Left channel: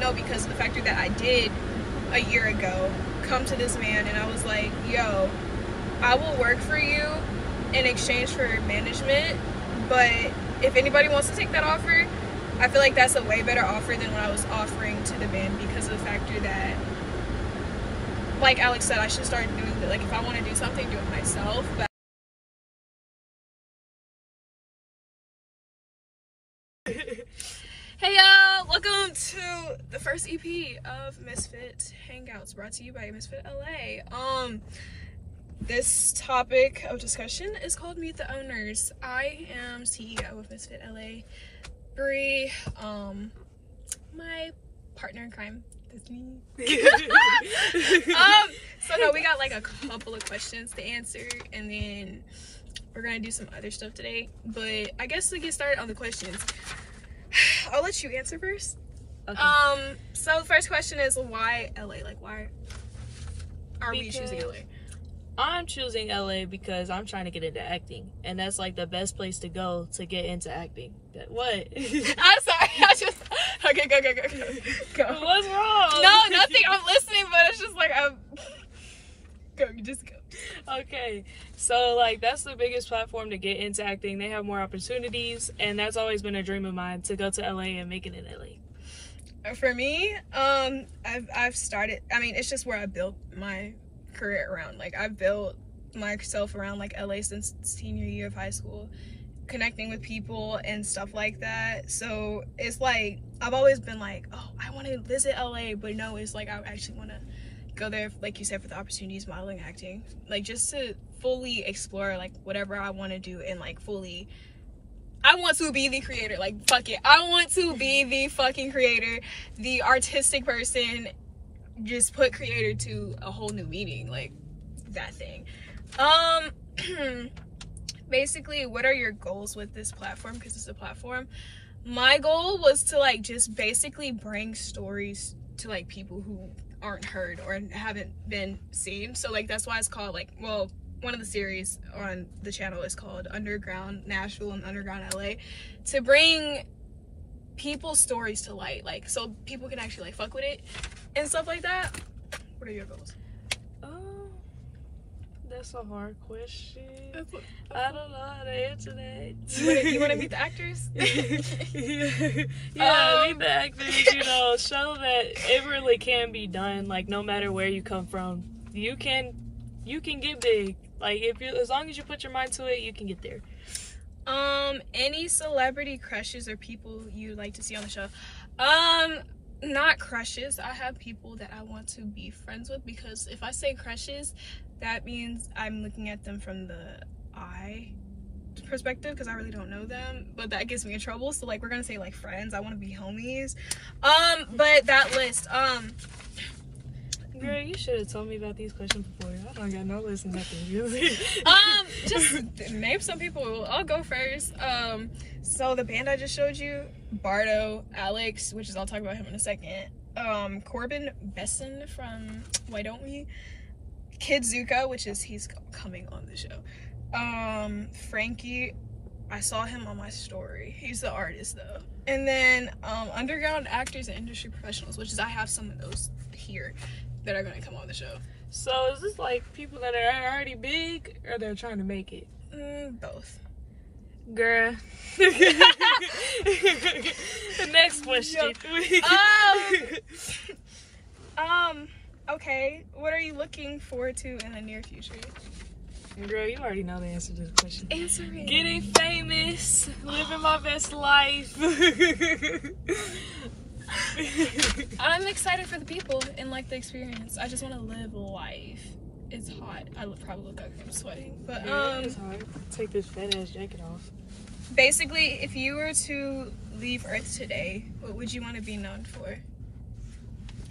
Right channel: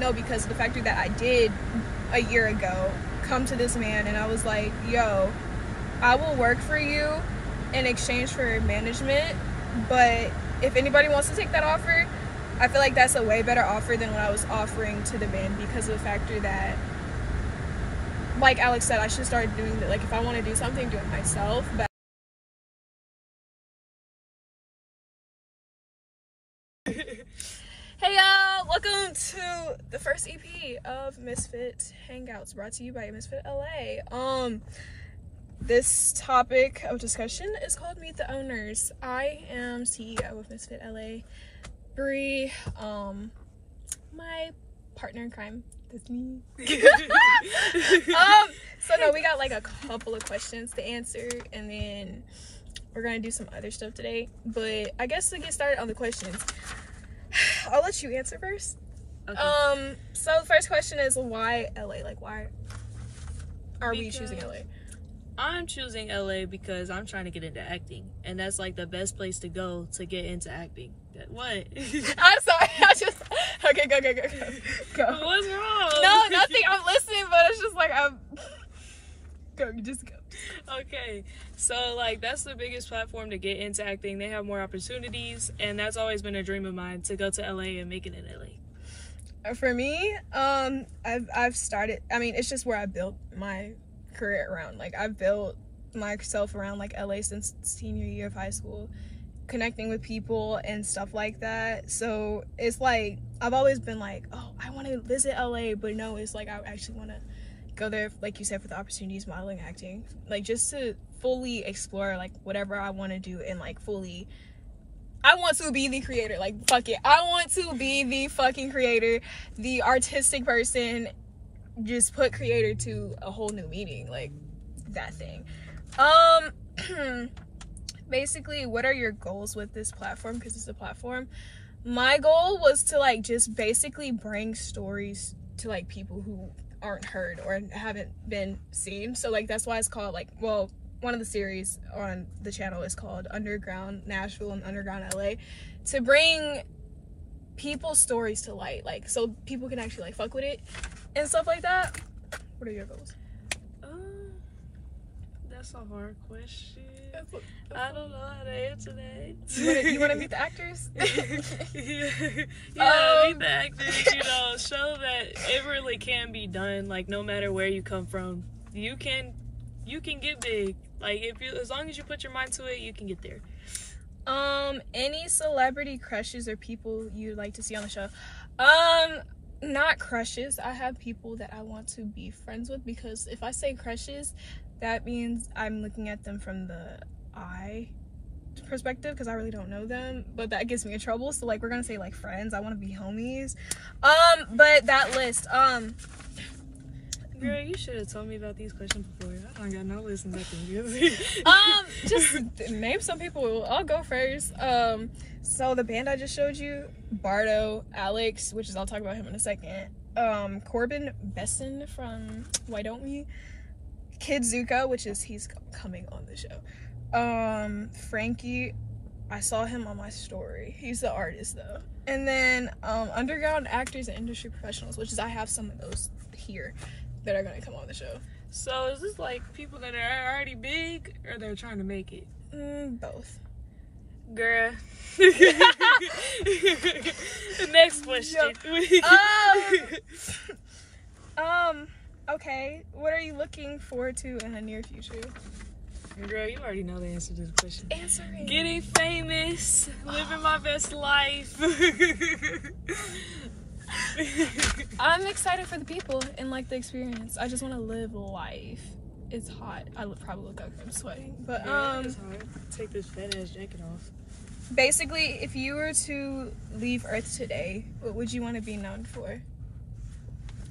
No, because the factor that I did a year ago come to this man and I was like, yo, I will work for you in exchange for management, but if anybody wants to take that offer, I feel like that's a way better offer than what I was offering to the man, because of the factor that, like Alex said, I should start doing it. Like, if I want to do something, do it myself. But hey y'all, welcome to the first EP of Msft Hangouts, brought to you by Msft LA. This topic of discussion is called Meet the Owners. I am CEO of Msft LA. Bree, my partner in crime, that's me. So no, we got like a couple of questions to answer, and then we're gonna do some other stuff today. But I guess to get started on the questions, I'll let you answer first. Okay. So the first question is, why LA? Like, why are we choosing LA? I'm choosing LA because I'm trying to get into acting, and that's like the best place to go to get into acting. What? I'm sorry. Okay, go. What's wrong? No, nothing. I'm listening, but it's just like go. Okay, so like that's the biggest platform to get into acting. They have more opportunities, and that's always been a dream of mine, to go to LA and make it in LA. For me, I've started. I mean, it's just where I built my career around. Like, I've built myself around like LA since senior year of high school, connecting with people and stuff like that. So it's like I've always been like, oh, I want to visit LA, but no, it's like I actually want to go there, like you said, for the opportunities, modeling, acting, like just to fully explore like whatever I want to do, and like fully I want to be the creator. Like, fuck it, I want to be the fucking creator, the artistic person. Just put creator to a whole new meaning, like that thing. Basically, what are your goals with this platform? Because it's a platform. My goal was to like just basically bring stories to like people who aren't heard or haven't been seen. So like that's why it's called, like, well, one of the series on the channel is called Underground Nashville and Underground LA, to bring people's stories to light, like so people can actually like fuck with it and stuff like that. What are your goals? That's a hard question. I don't know how to answer that. You want to meet the actors? Yeah, meet the actors, you know, show that it really can be done. Like, no matter where you come from, you can get big. Like, as long as you put your mind to it, you can get there. Any celebrity crushes or people you'd like to see on the show? Not crushes. I have people that I want to be friends with, because if I say crushes, that means I'm looking at them from the eye perspective, because I really don't know them, but that gets me in trouble. So like, we're gonna say like friends. I want to be homies. But that list, girl, you should have told me about these questions before. I don't got no list and nothing. Just name some people. I'll go first. So the band I just showed you, Bardo, Alex, which is, I'll talk about him in a second. Corbin Besson from Why Don't We? Kid Zuko, which is, he's coming on the show. Frankie, I saw him on my story. He's the artist though. And then underground actors and industry professionals, which is, I have some of those here that are gonna come on the show. So is this like people that are already big, or they're trying to make it? Both. Girl. Next question. Okay, what are you looking forward to in the near future? Girl, you already know the answer to the question. Answer it. Getting famous, living my best life. I'm excited for the people and like the experience. I just want to live life. It's hot. I probably look like I'm sweating, but yeah, it's hard. Take this fat ass jacket off. Basically, if you were to leave Earth today, what would you want to be known for?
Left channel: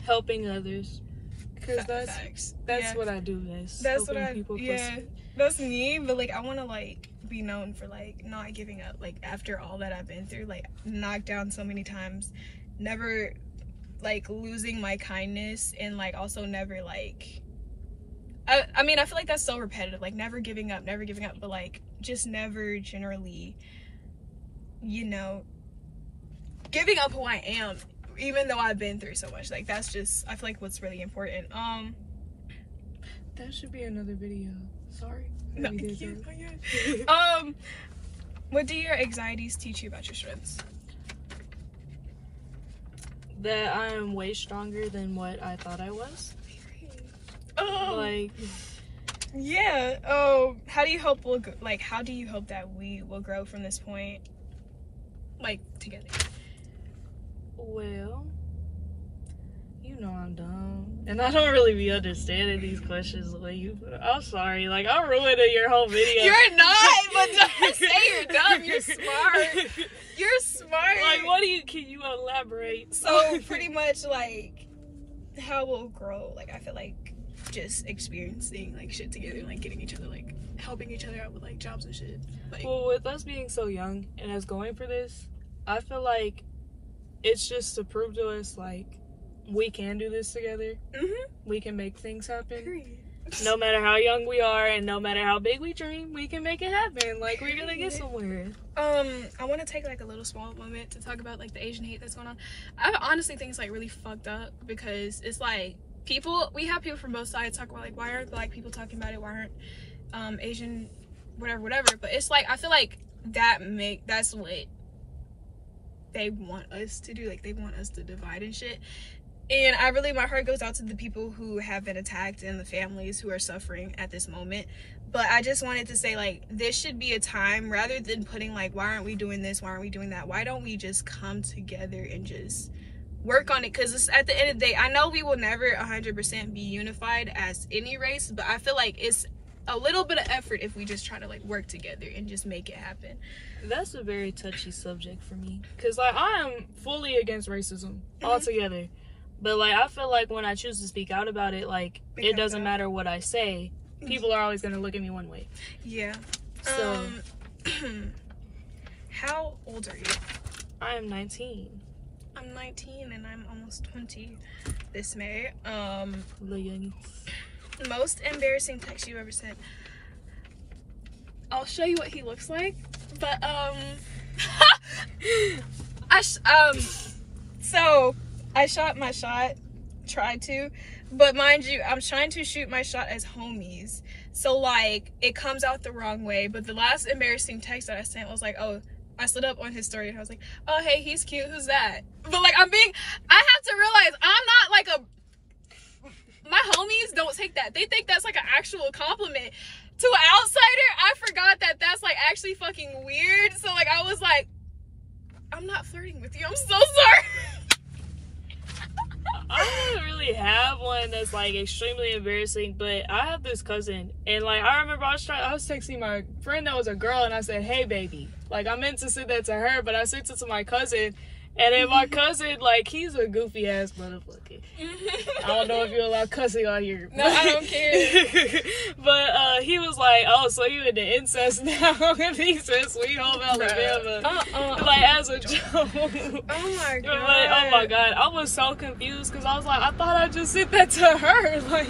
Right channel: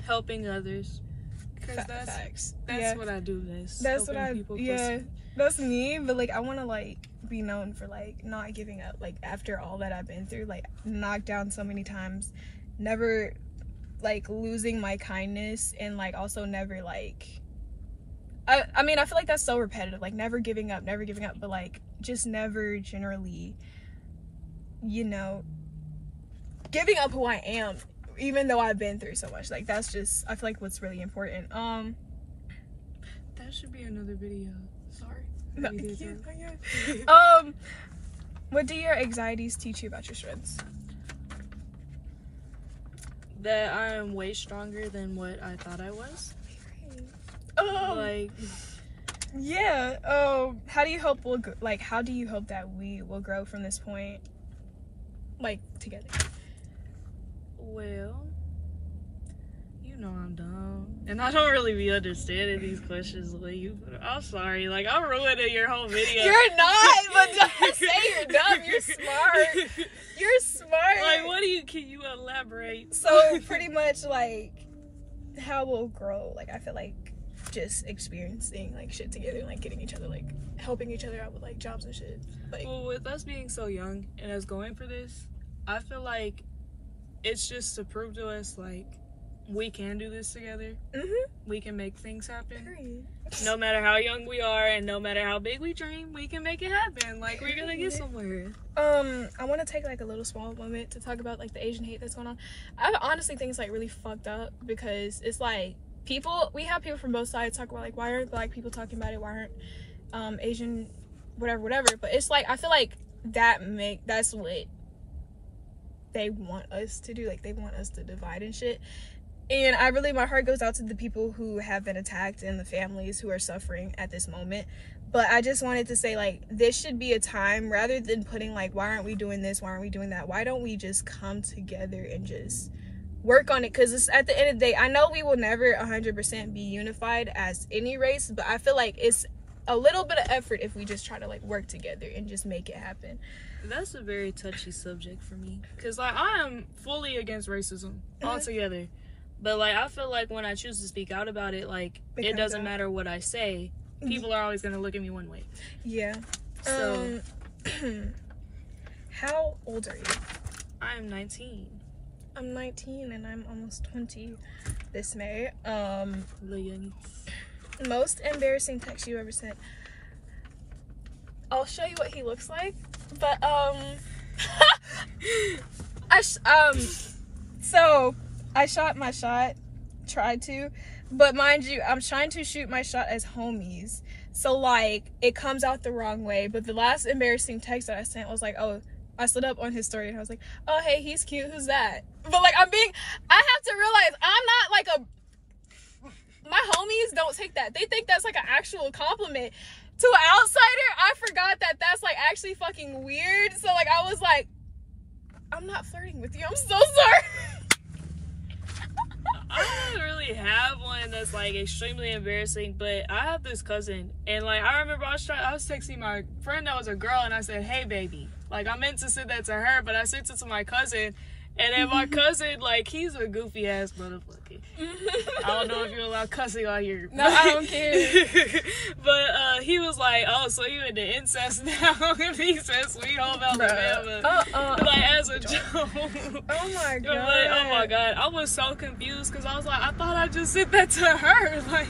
Helping others. Because that's what I do best. That's what I people. Yeah, that's me. But like, I want to like be known for like not giving up. Like, after all that I've been through, like knocked down so many times, never like losing my kindness, and like also never like. I mean, I feel like that's so repetitive. Like never giving up, but like just never generally, you know, giving up who I am even though I've been through so much, like, that's just, I feel like what's really important. That should be another video. Sorry. No, what do your anxieties teach you about your strengths? That I am way stronger than what I thought I was. Like, yeah. How do you hope that we will grow from this point, like, together? Well, you know I'm dumb, and I don't really be understanding these questions the way you put it. I'm sorry, like, I'm ruining your whole video. You're not, but don't say you're dumb. You're smart. You're smart. Like, can you elaborate? So, pretty much, like, how we'll grow, like, I feel like just experiencing, like, shit together, like, getting each other, like, helping each other out with, like, jobs and shit. Like, well, with us being so young and us going for this, I feel like it's just to prove to us, like, we can do this together. We can make things happen. Period. No matter how young we are and no matter how big we dream, we can make it happen. Like, we're gonna get somewhere. I want to take, like, a little small moment to talk about, like, the Asian hate that's going on. I honestly think it's, like, really fucked up, because it's, like, we have people from both sides talk about, like, why aren't Black people talking about it? Why aren't Asian, whatever. But it's, like, I feel like that's what they want us to do. Like, they want us to divide and shit. And my heart goes out to the people who have been attacked and the families who are suffering at this moment. But I just wanted to say, like, this should be a time, rather than putting, like, why aren't we doing this? Why aren't we doing that? Why don't we just come together and just work on it? Because at the end of the day, I know we will never 100% be unified as any race, but I feel like it's a little bit of effort if we just try to, like, work together and just make it happen. That's a very touchy subject for me. Because, like, I am fully against racism altogether. But, like, I feel like when I choose to speak out about it, like, it doesn't matter what I say. People are always going to look at me one way. Yeah. So, how old are you? I am 19. I'm 19 and I'm almost 20 this May. The youngies. Most embarrassing text you ever sent. I'll show you what he looks like. But, so I shot my shot, tried to, but mind you, I'm trying to shoot my shot as homies. So, like, it comes out the wrong way. But the last embarrassing text that I sent was like, oh, I slid up on his story and I was like, oh, hey, he's cute, who's that? But, like, I have to realize I'm not, like, my homies don't take that. They think that's, like, an actual compliment. To an outsider, I forgot that that's, like, actually fucking weird. So, like, I was like, I'm not flirting with you. I'm so sorry. I don't really have one that's, like, extremely embarrassing, but I have this cousin, and, like, I remember I was texting my friend that was a girl, and I said, hey, baby. Like, I meant to send that to her, but I sent it to my cousin, and then my cousin, like, he's a goofy-ass motherfucker. I don't know if you allow cussing on here. No, I don't care. But he was like, oh, so you into incest now? And he said Sweet Home Alabama. Like, as a joke. Oh my god. Like, oh my god. I was so confused because I was like, I thought I just sent that to her. Like,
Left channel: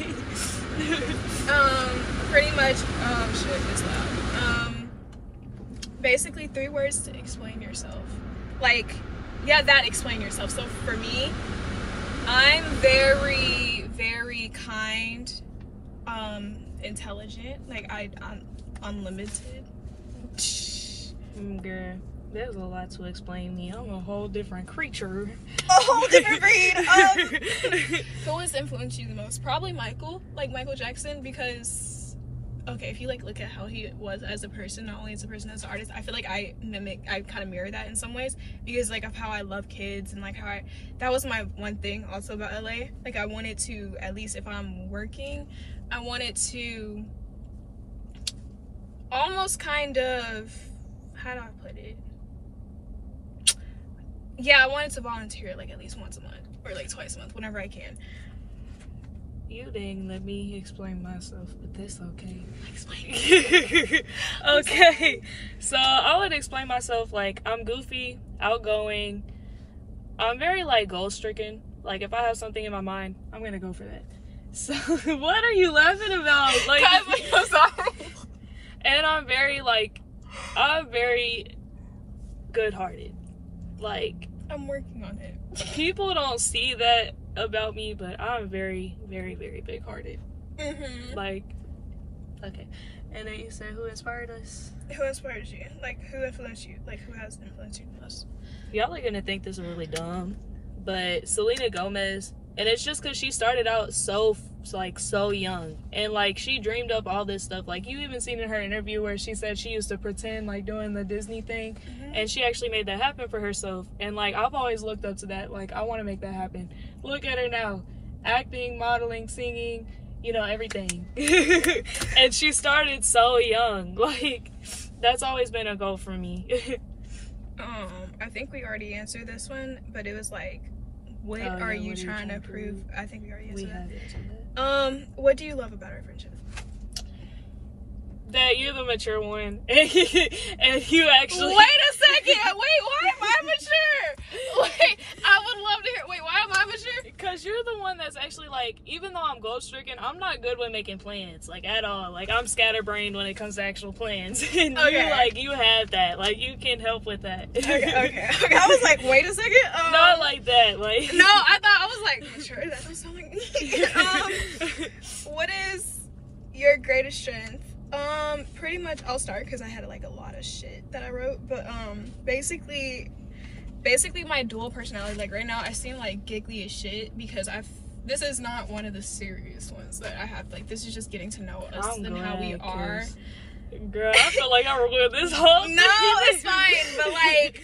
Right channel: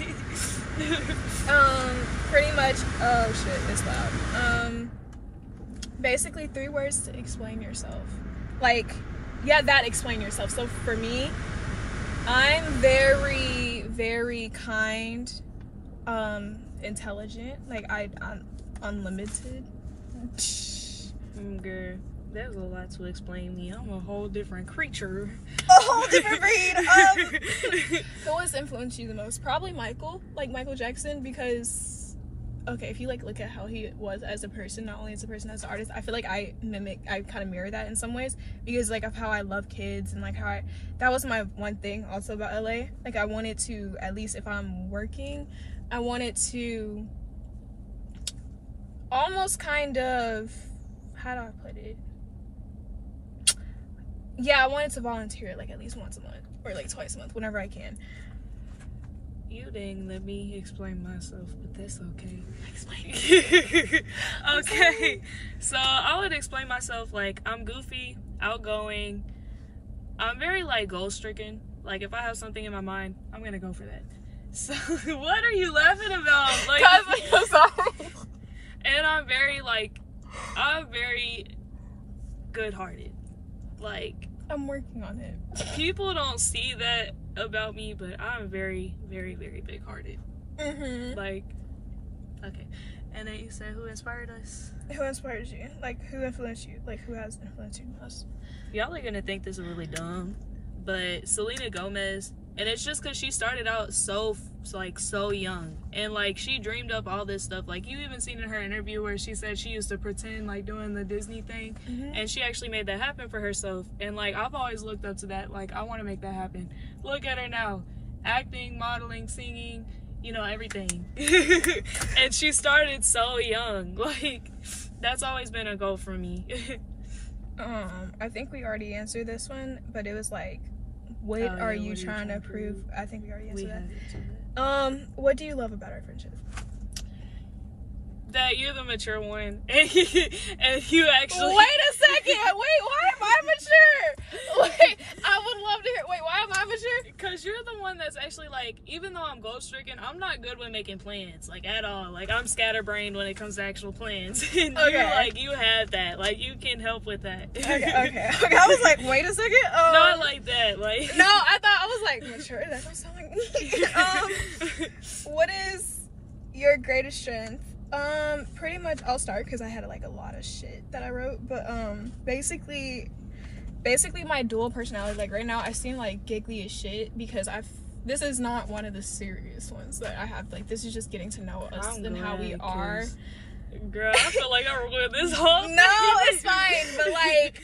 pretty much, shit, it's loud. Basically 3 words to explain yourself. Like, yeah, explain yourself. So for me, I'm very, very kind, intelligent. Like, I'm unlimited. Girl, there's a lot to explain me. I'm a whole different creature. A whole different breed. Who has influenced you the most? Probably Michael Jackson, because, okay, if you, like, look at how he was as a person, not only as a person, as an artist, I feel like I kind of mirror that in some ways, because, like, of how I love kids, and, like, that was my one thing also about LA. Like, I wanted to, at least if I'm working, I wanted to almost kind of, how do I put it? Yeah, I wanted to volunteer, like, at least once a month, or, like, twice a month, whenever I can. You didn't let me explain myself, but that's okay. Explain. Okay, so I would explain myself like I'm goofy, outgoing. I'm very, like, goal-stricken. Like, if I have something in my mind, I'm gonna go for that. So, what are you laughing about? Like, I'm sorry. And I'm very good-hearted. Like, I'm working on it. People don't see that about me, but I'm very, very, very big-hearted. Mm-hmm. Like, okay. And then you said, who inspired us? Who inspires you? Like, who influenced you? Like, who has influenced you the most? Y'all are gonna think this is really dumb, but Selena Gomez, and it's just because she started out so young, and like she dreamed up all this stuff. Like, you even seen in her interview where she said she used to pretend like doing the Disney thing, and she actually made that happen for herself. And like, I've always looked up to that. Like, I want to make that happen. Look at her now, acting, modeling, singing, you know, everything. And she started so young. Like, that's always been a goal for me. I think we already answered this one, but it was like, what are you trying to prove? I think we already answered that. Have answered that. What do you love about our friendship? That you're the mature one, and you actually. Wait a second. Wait, why am I mature? Wait, I would love to hear. Wait, why am I mature? Because you're the one that's actually like, even though I'm goal stricken, I'm not good with making plans, like at all. Like, I'm scatterbrained when it comes to actual plans, and you have that. Like, you can help with that. Okay. I was like, wait a second. Not like that. Like, no, I thought I was like, mature. That don't sound like me. What is your greatest strength? Pretty much, I'll start because I had like a lot of shit that I wrote, but basically my dual personality. Like, right now I seem like giggly as shit because this is not one of the serious ones that I have. Like, this is just getting to know us and how we are. Girl, I feel like I ruined this whole thing. No, it's fine, but like,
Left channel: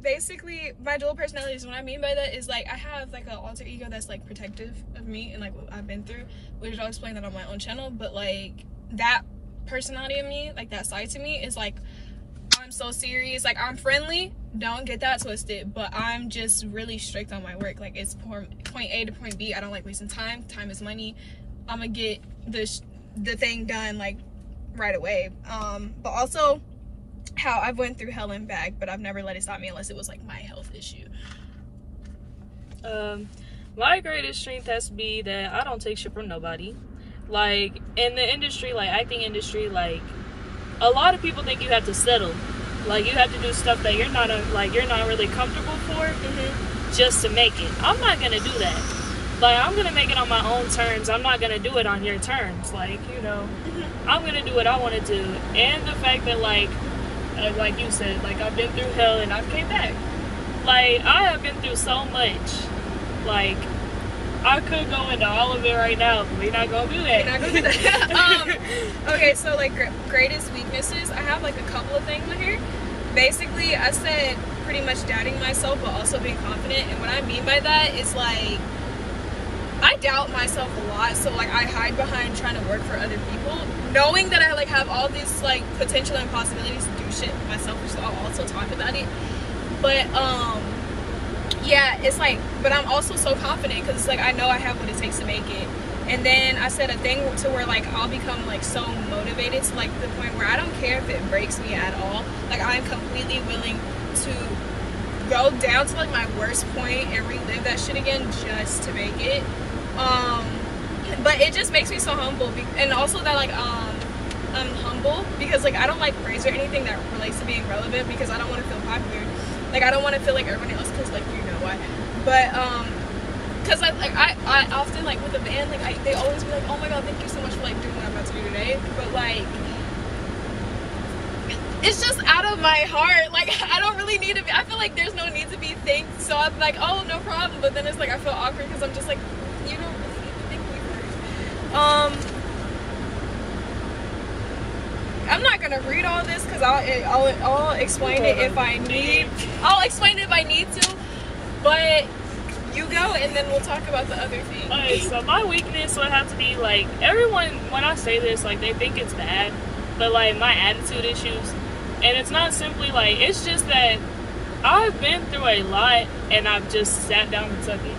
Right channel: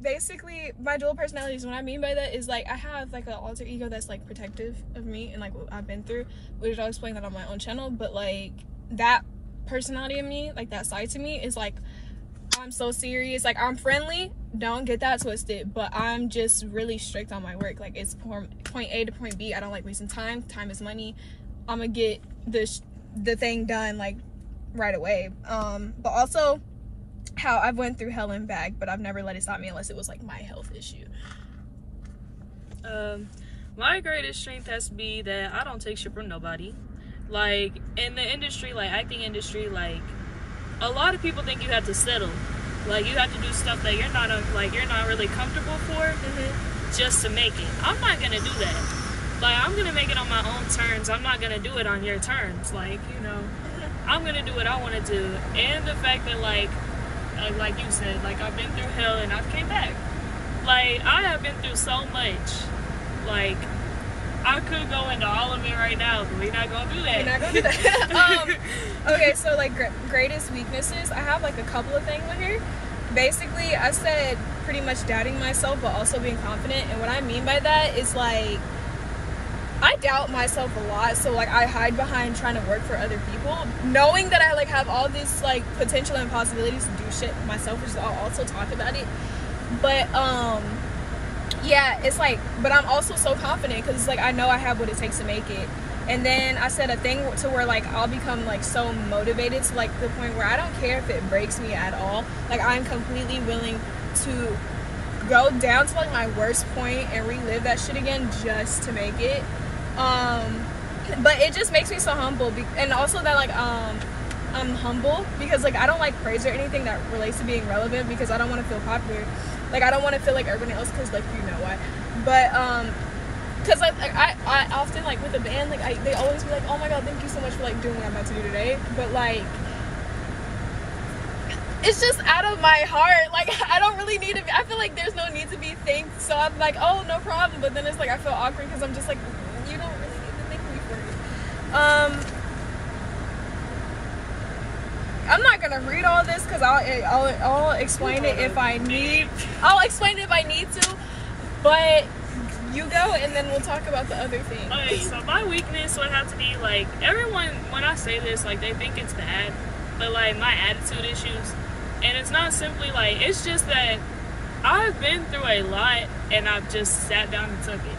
basically my dual personalities, what I mean by that is like, I have like an alter ego that's like protective of me and like what I've been through, which I'll explain that on my own channel. But like, that personality of me, like that side to me, is like, I'm so serious. Like, I'm friendly, don't get that twisted, but I'm just really strict on my work. Like, it's point A to point B. I don't like wasting time. Time is money. I'm gonna get the thing done like right away. But also how I've went through hell and back, but I've never let it stop me unless it was like my health issue. My greatest strength has to be that I don't take shit from nobody. Like, in the industry, like acting industry, like a lot of people think you have to settle. Like, you have to do stuff that you're not really comfortable for just to make it. I'm not gonna do that. Like, I'm gonna make it on my own terms. I'm not gonna do it on your terms. Like, you know, I'm gonna do what I want to do. And the fact that like you said, like, I've been through hell and I've came back. Like, I have been through so much. Like, I could go into all of it right now, but we're not gonna do that. Okay, so like greatest weaknesses, I have like a couple of things in here. Basically, I said pretty much doubting myself, but also being confident. And what I mean by that is like, I doubt myself a lot, so like I hide behind trying to work for other people, knowing that I like have all these like potential and possibilities to do shit myself, which I'll also talk about it. But yeah, it's like, but I'm also so confident because it's like, I know I have what it takes to make it. And then I said a thing to where like I'll become like so motivated to like the point where I don't care if it breaks me at all. Like, I'm completely willing to go down to like my worst point and relive that shit again just to make it. But it just makes me so humble, and also that like I'm humble because like I don't like praise or anything that relates to being relevant because I don't want to feel popular. Like, I don't want to feel like everyone else, because like, you know why. But because I often like with the band, like they always be like, oh my god, thank you so much for like doing what I'm about to do today. But like, it's just out of my heart. Like, I don't really need to be, I feel like there's no need to be thanked, so I'm like, oh, no problem. But then it's like I feel awkward because I'm just like, you don't really need to thank me first. I'm not gonna read all this because I'll explain it if I need. I'll explain it if I need to. But you go, and then we'll talk about the other thing. Okay, so my weakness would have to be like, everyone, when I say this, like, they think it's bad, but like my attitude issues, and it's not simply like, it's just that I've been through a lot and I've just sat down and took it.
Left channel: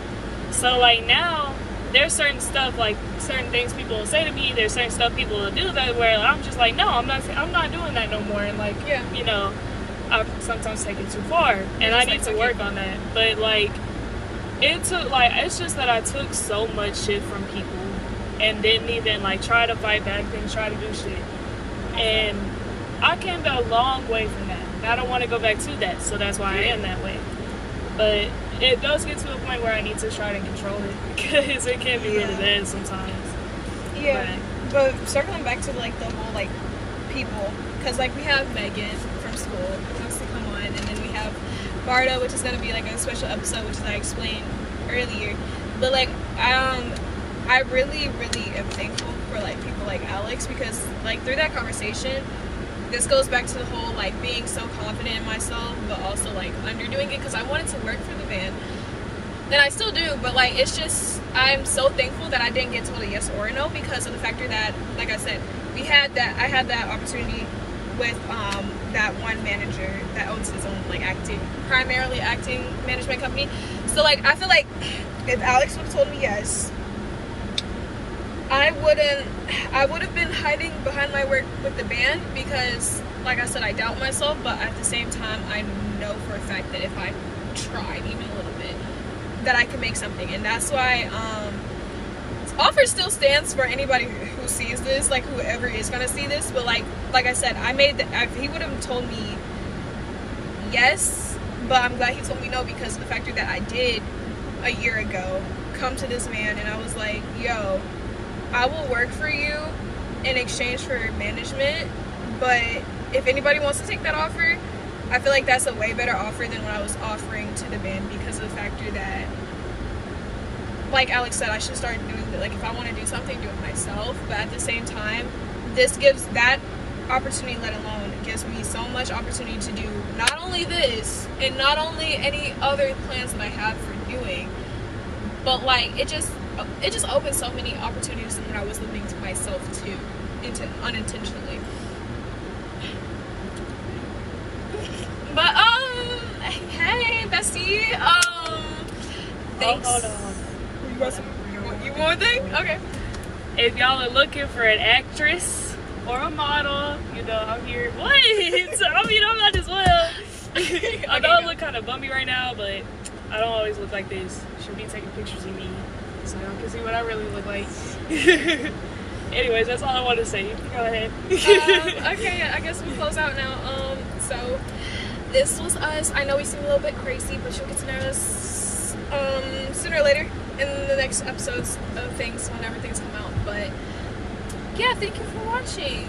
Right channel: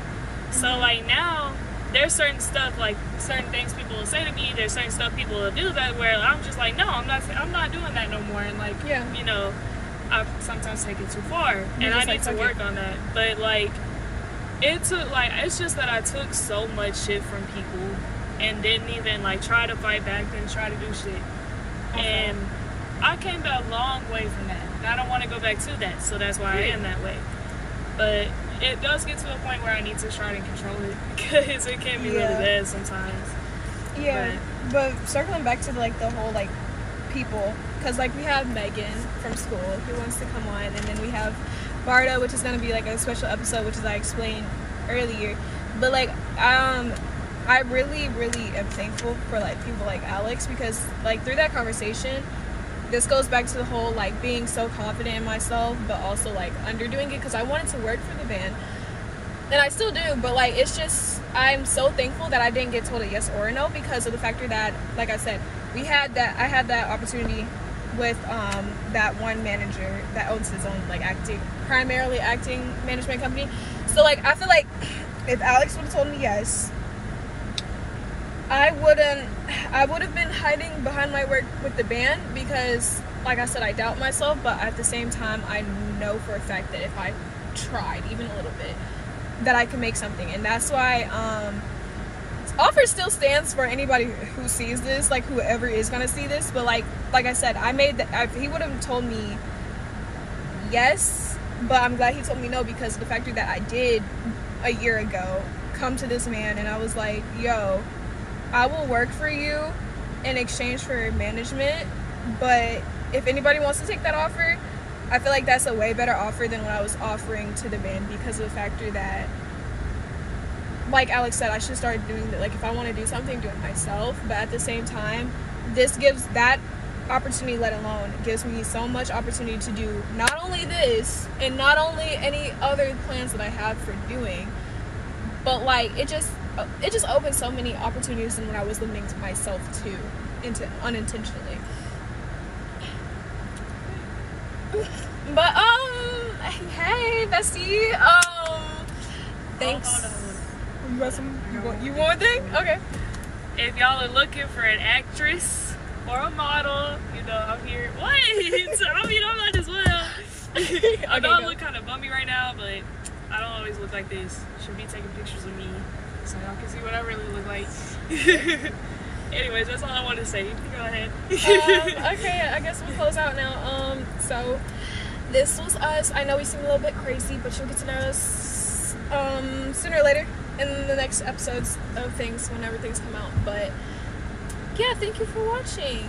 So like now, there's certain stuff, like certain things people will say to me, there's certain stuff people will do that where I'm just like, no, I'm not doing that no more. And like, yeah, you know, I sometimes take it too far, and I need to work on that. But like, it's just that I took so much shit from people and didn't even like try to fight back, didn't try to do shit. And I came a long way from that. I don't want to go back to that, so that's why I am that way. But it does get to a point where I need to try to control it because it can be really bad sometimes. Yeah, but circling back to like the whole like people, because like we have Megan from school who wants to come on, and then we have Barda, which is going to be like a special episode, which is I explained earlier. But like I really am thankful for like people like Alex, because like through that conversation, this goes back to the whole like being so confident in myself but also like underdoing it, because I wanted to work for the band and I still do, but like it's just, I'm so thankful that I didn't get told a yes or a no, because of the factor that, like I said, I had that opportunity with that one manager that owns his own like primarily acting management company. So like I feel like if Alex would have told me yes, I would have been hiding behind my work with the band, because like I said, I doubt myself, but at the same time I know for a fact that if I tried even a little bit, that I can make something. And that's why offer still stands for anybody who sees this, like whoever is gonna see this. But like I said, he would have told me yes, but I'm glad he told me no, because of the factor that I did a year ago come to this man and I was like, yo, I will work for you in exchange for management, but if anybody wants to take that offer, I feel like that's a way better offer than what I was offering to the band, because of the factor that, like Alex said, I should start doing it. Like if I want to do something, do it myself. But at the same time, this gives that opportunity, let alone gives me so much opportunity to do not only this and not only any other plans that I have for doing, but like it just opened so many opportunities when I was limiting to myself too, unintentionally. But hey bestie, thanks. Hold on. You want one thing? Okay. If y'all are looking for an actress or a model, you know, I'm here. What? I mean, I'm not as well. I know I look kind of bummy right now, but I don't always look like this. She'll be taking pictures of me so y'all can see what I really look like. Anyways, that's all I wanted to say. You can go ahead. Okay, I guess we'll close out now. So this was us. I know we seem a little bit crazy, but you'll get to know us sooner or later in the next episodes of things, whenever things come out. But yeah, thank you for watching.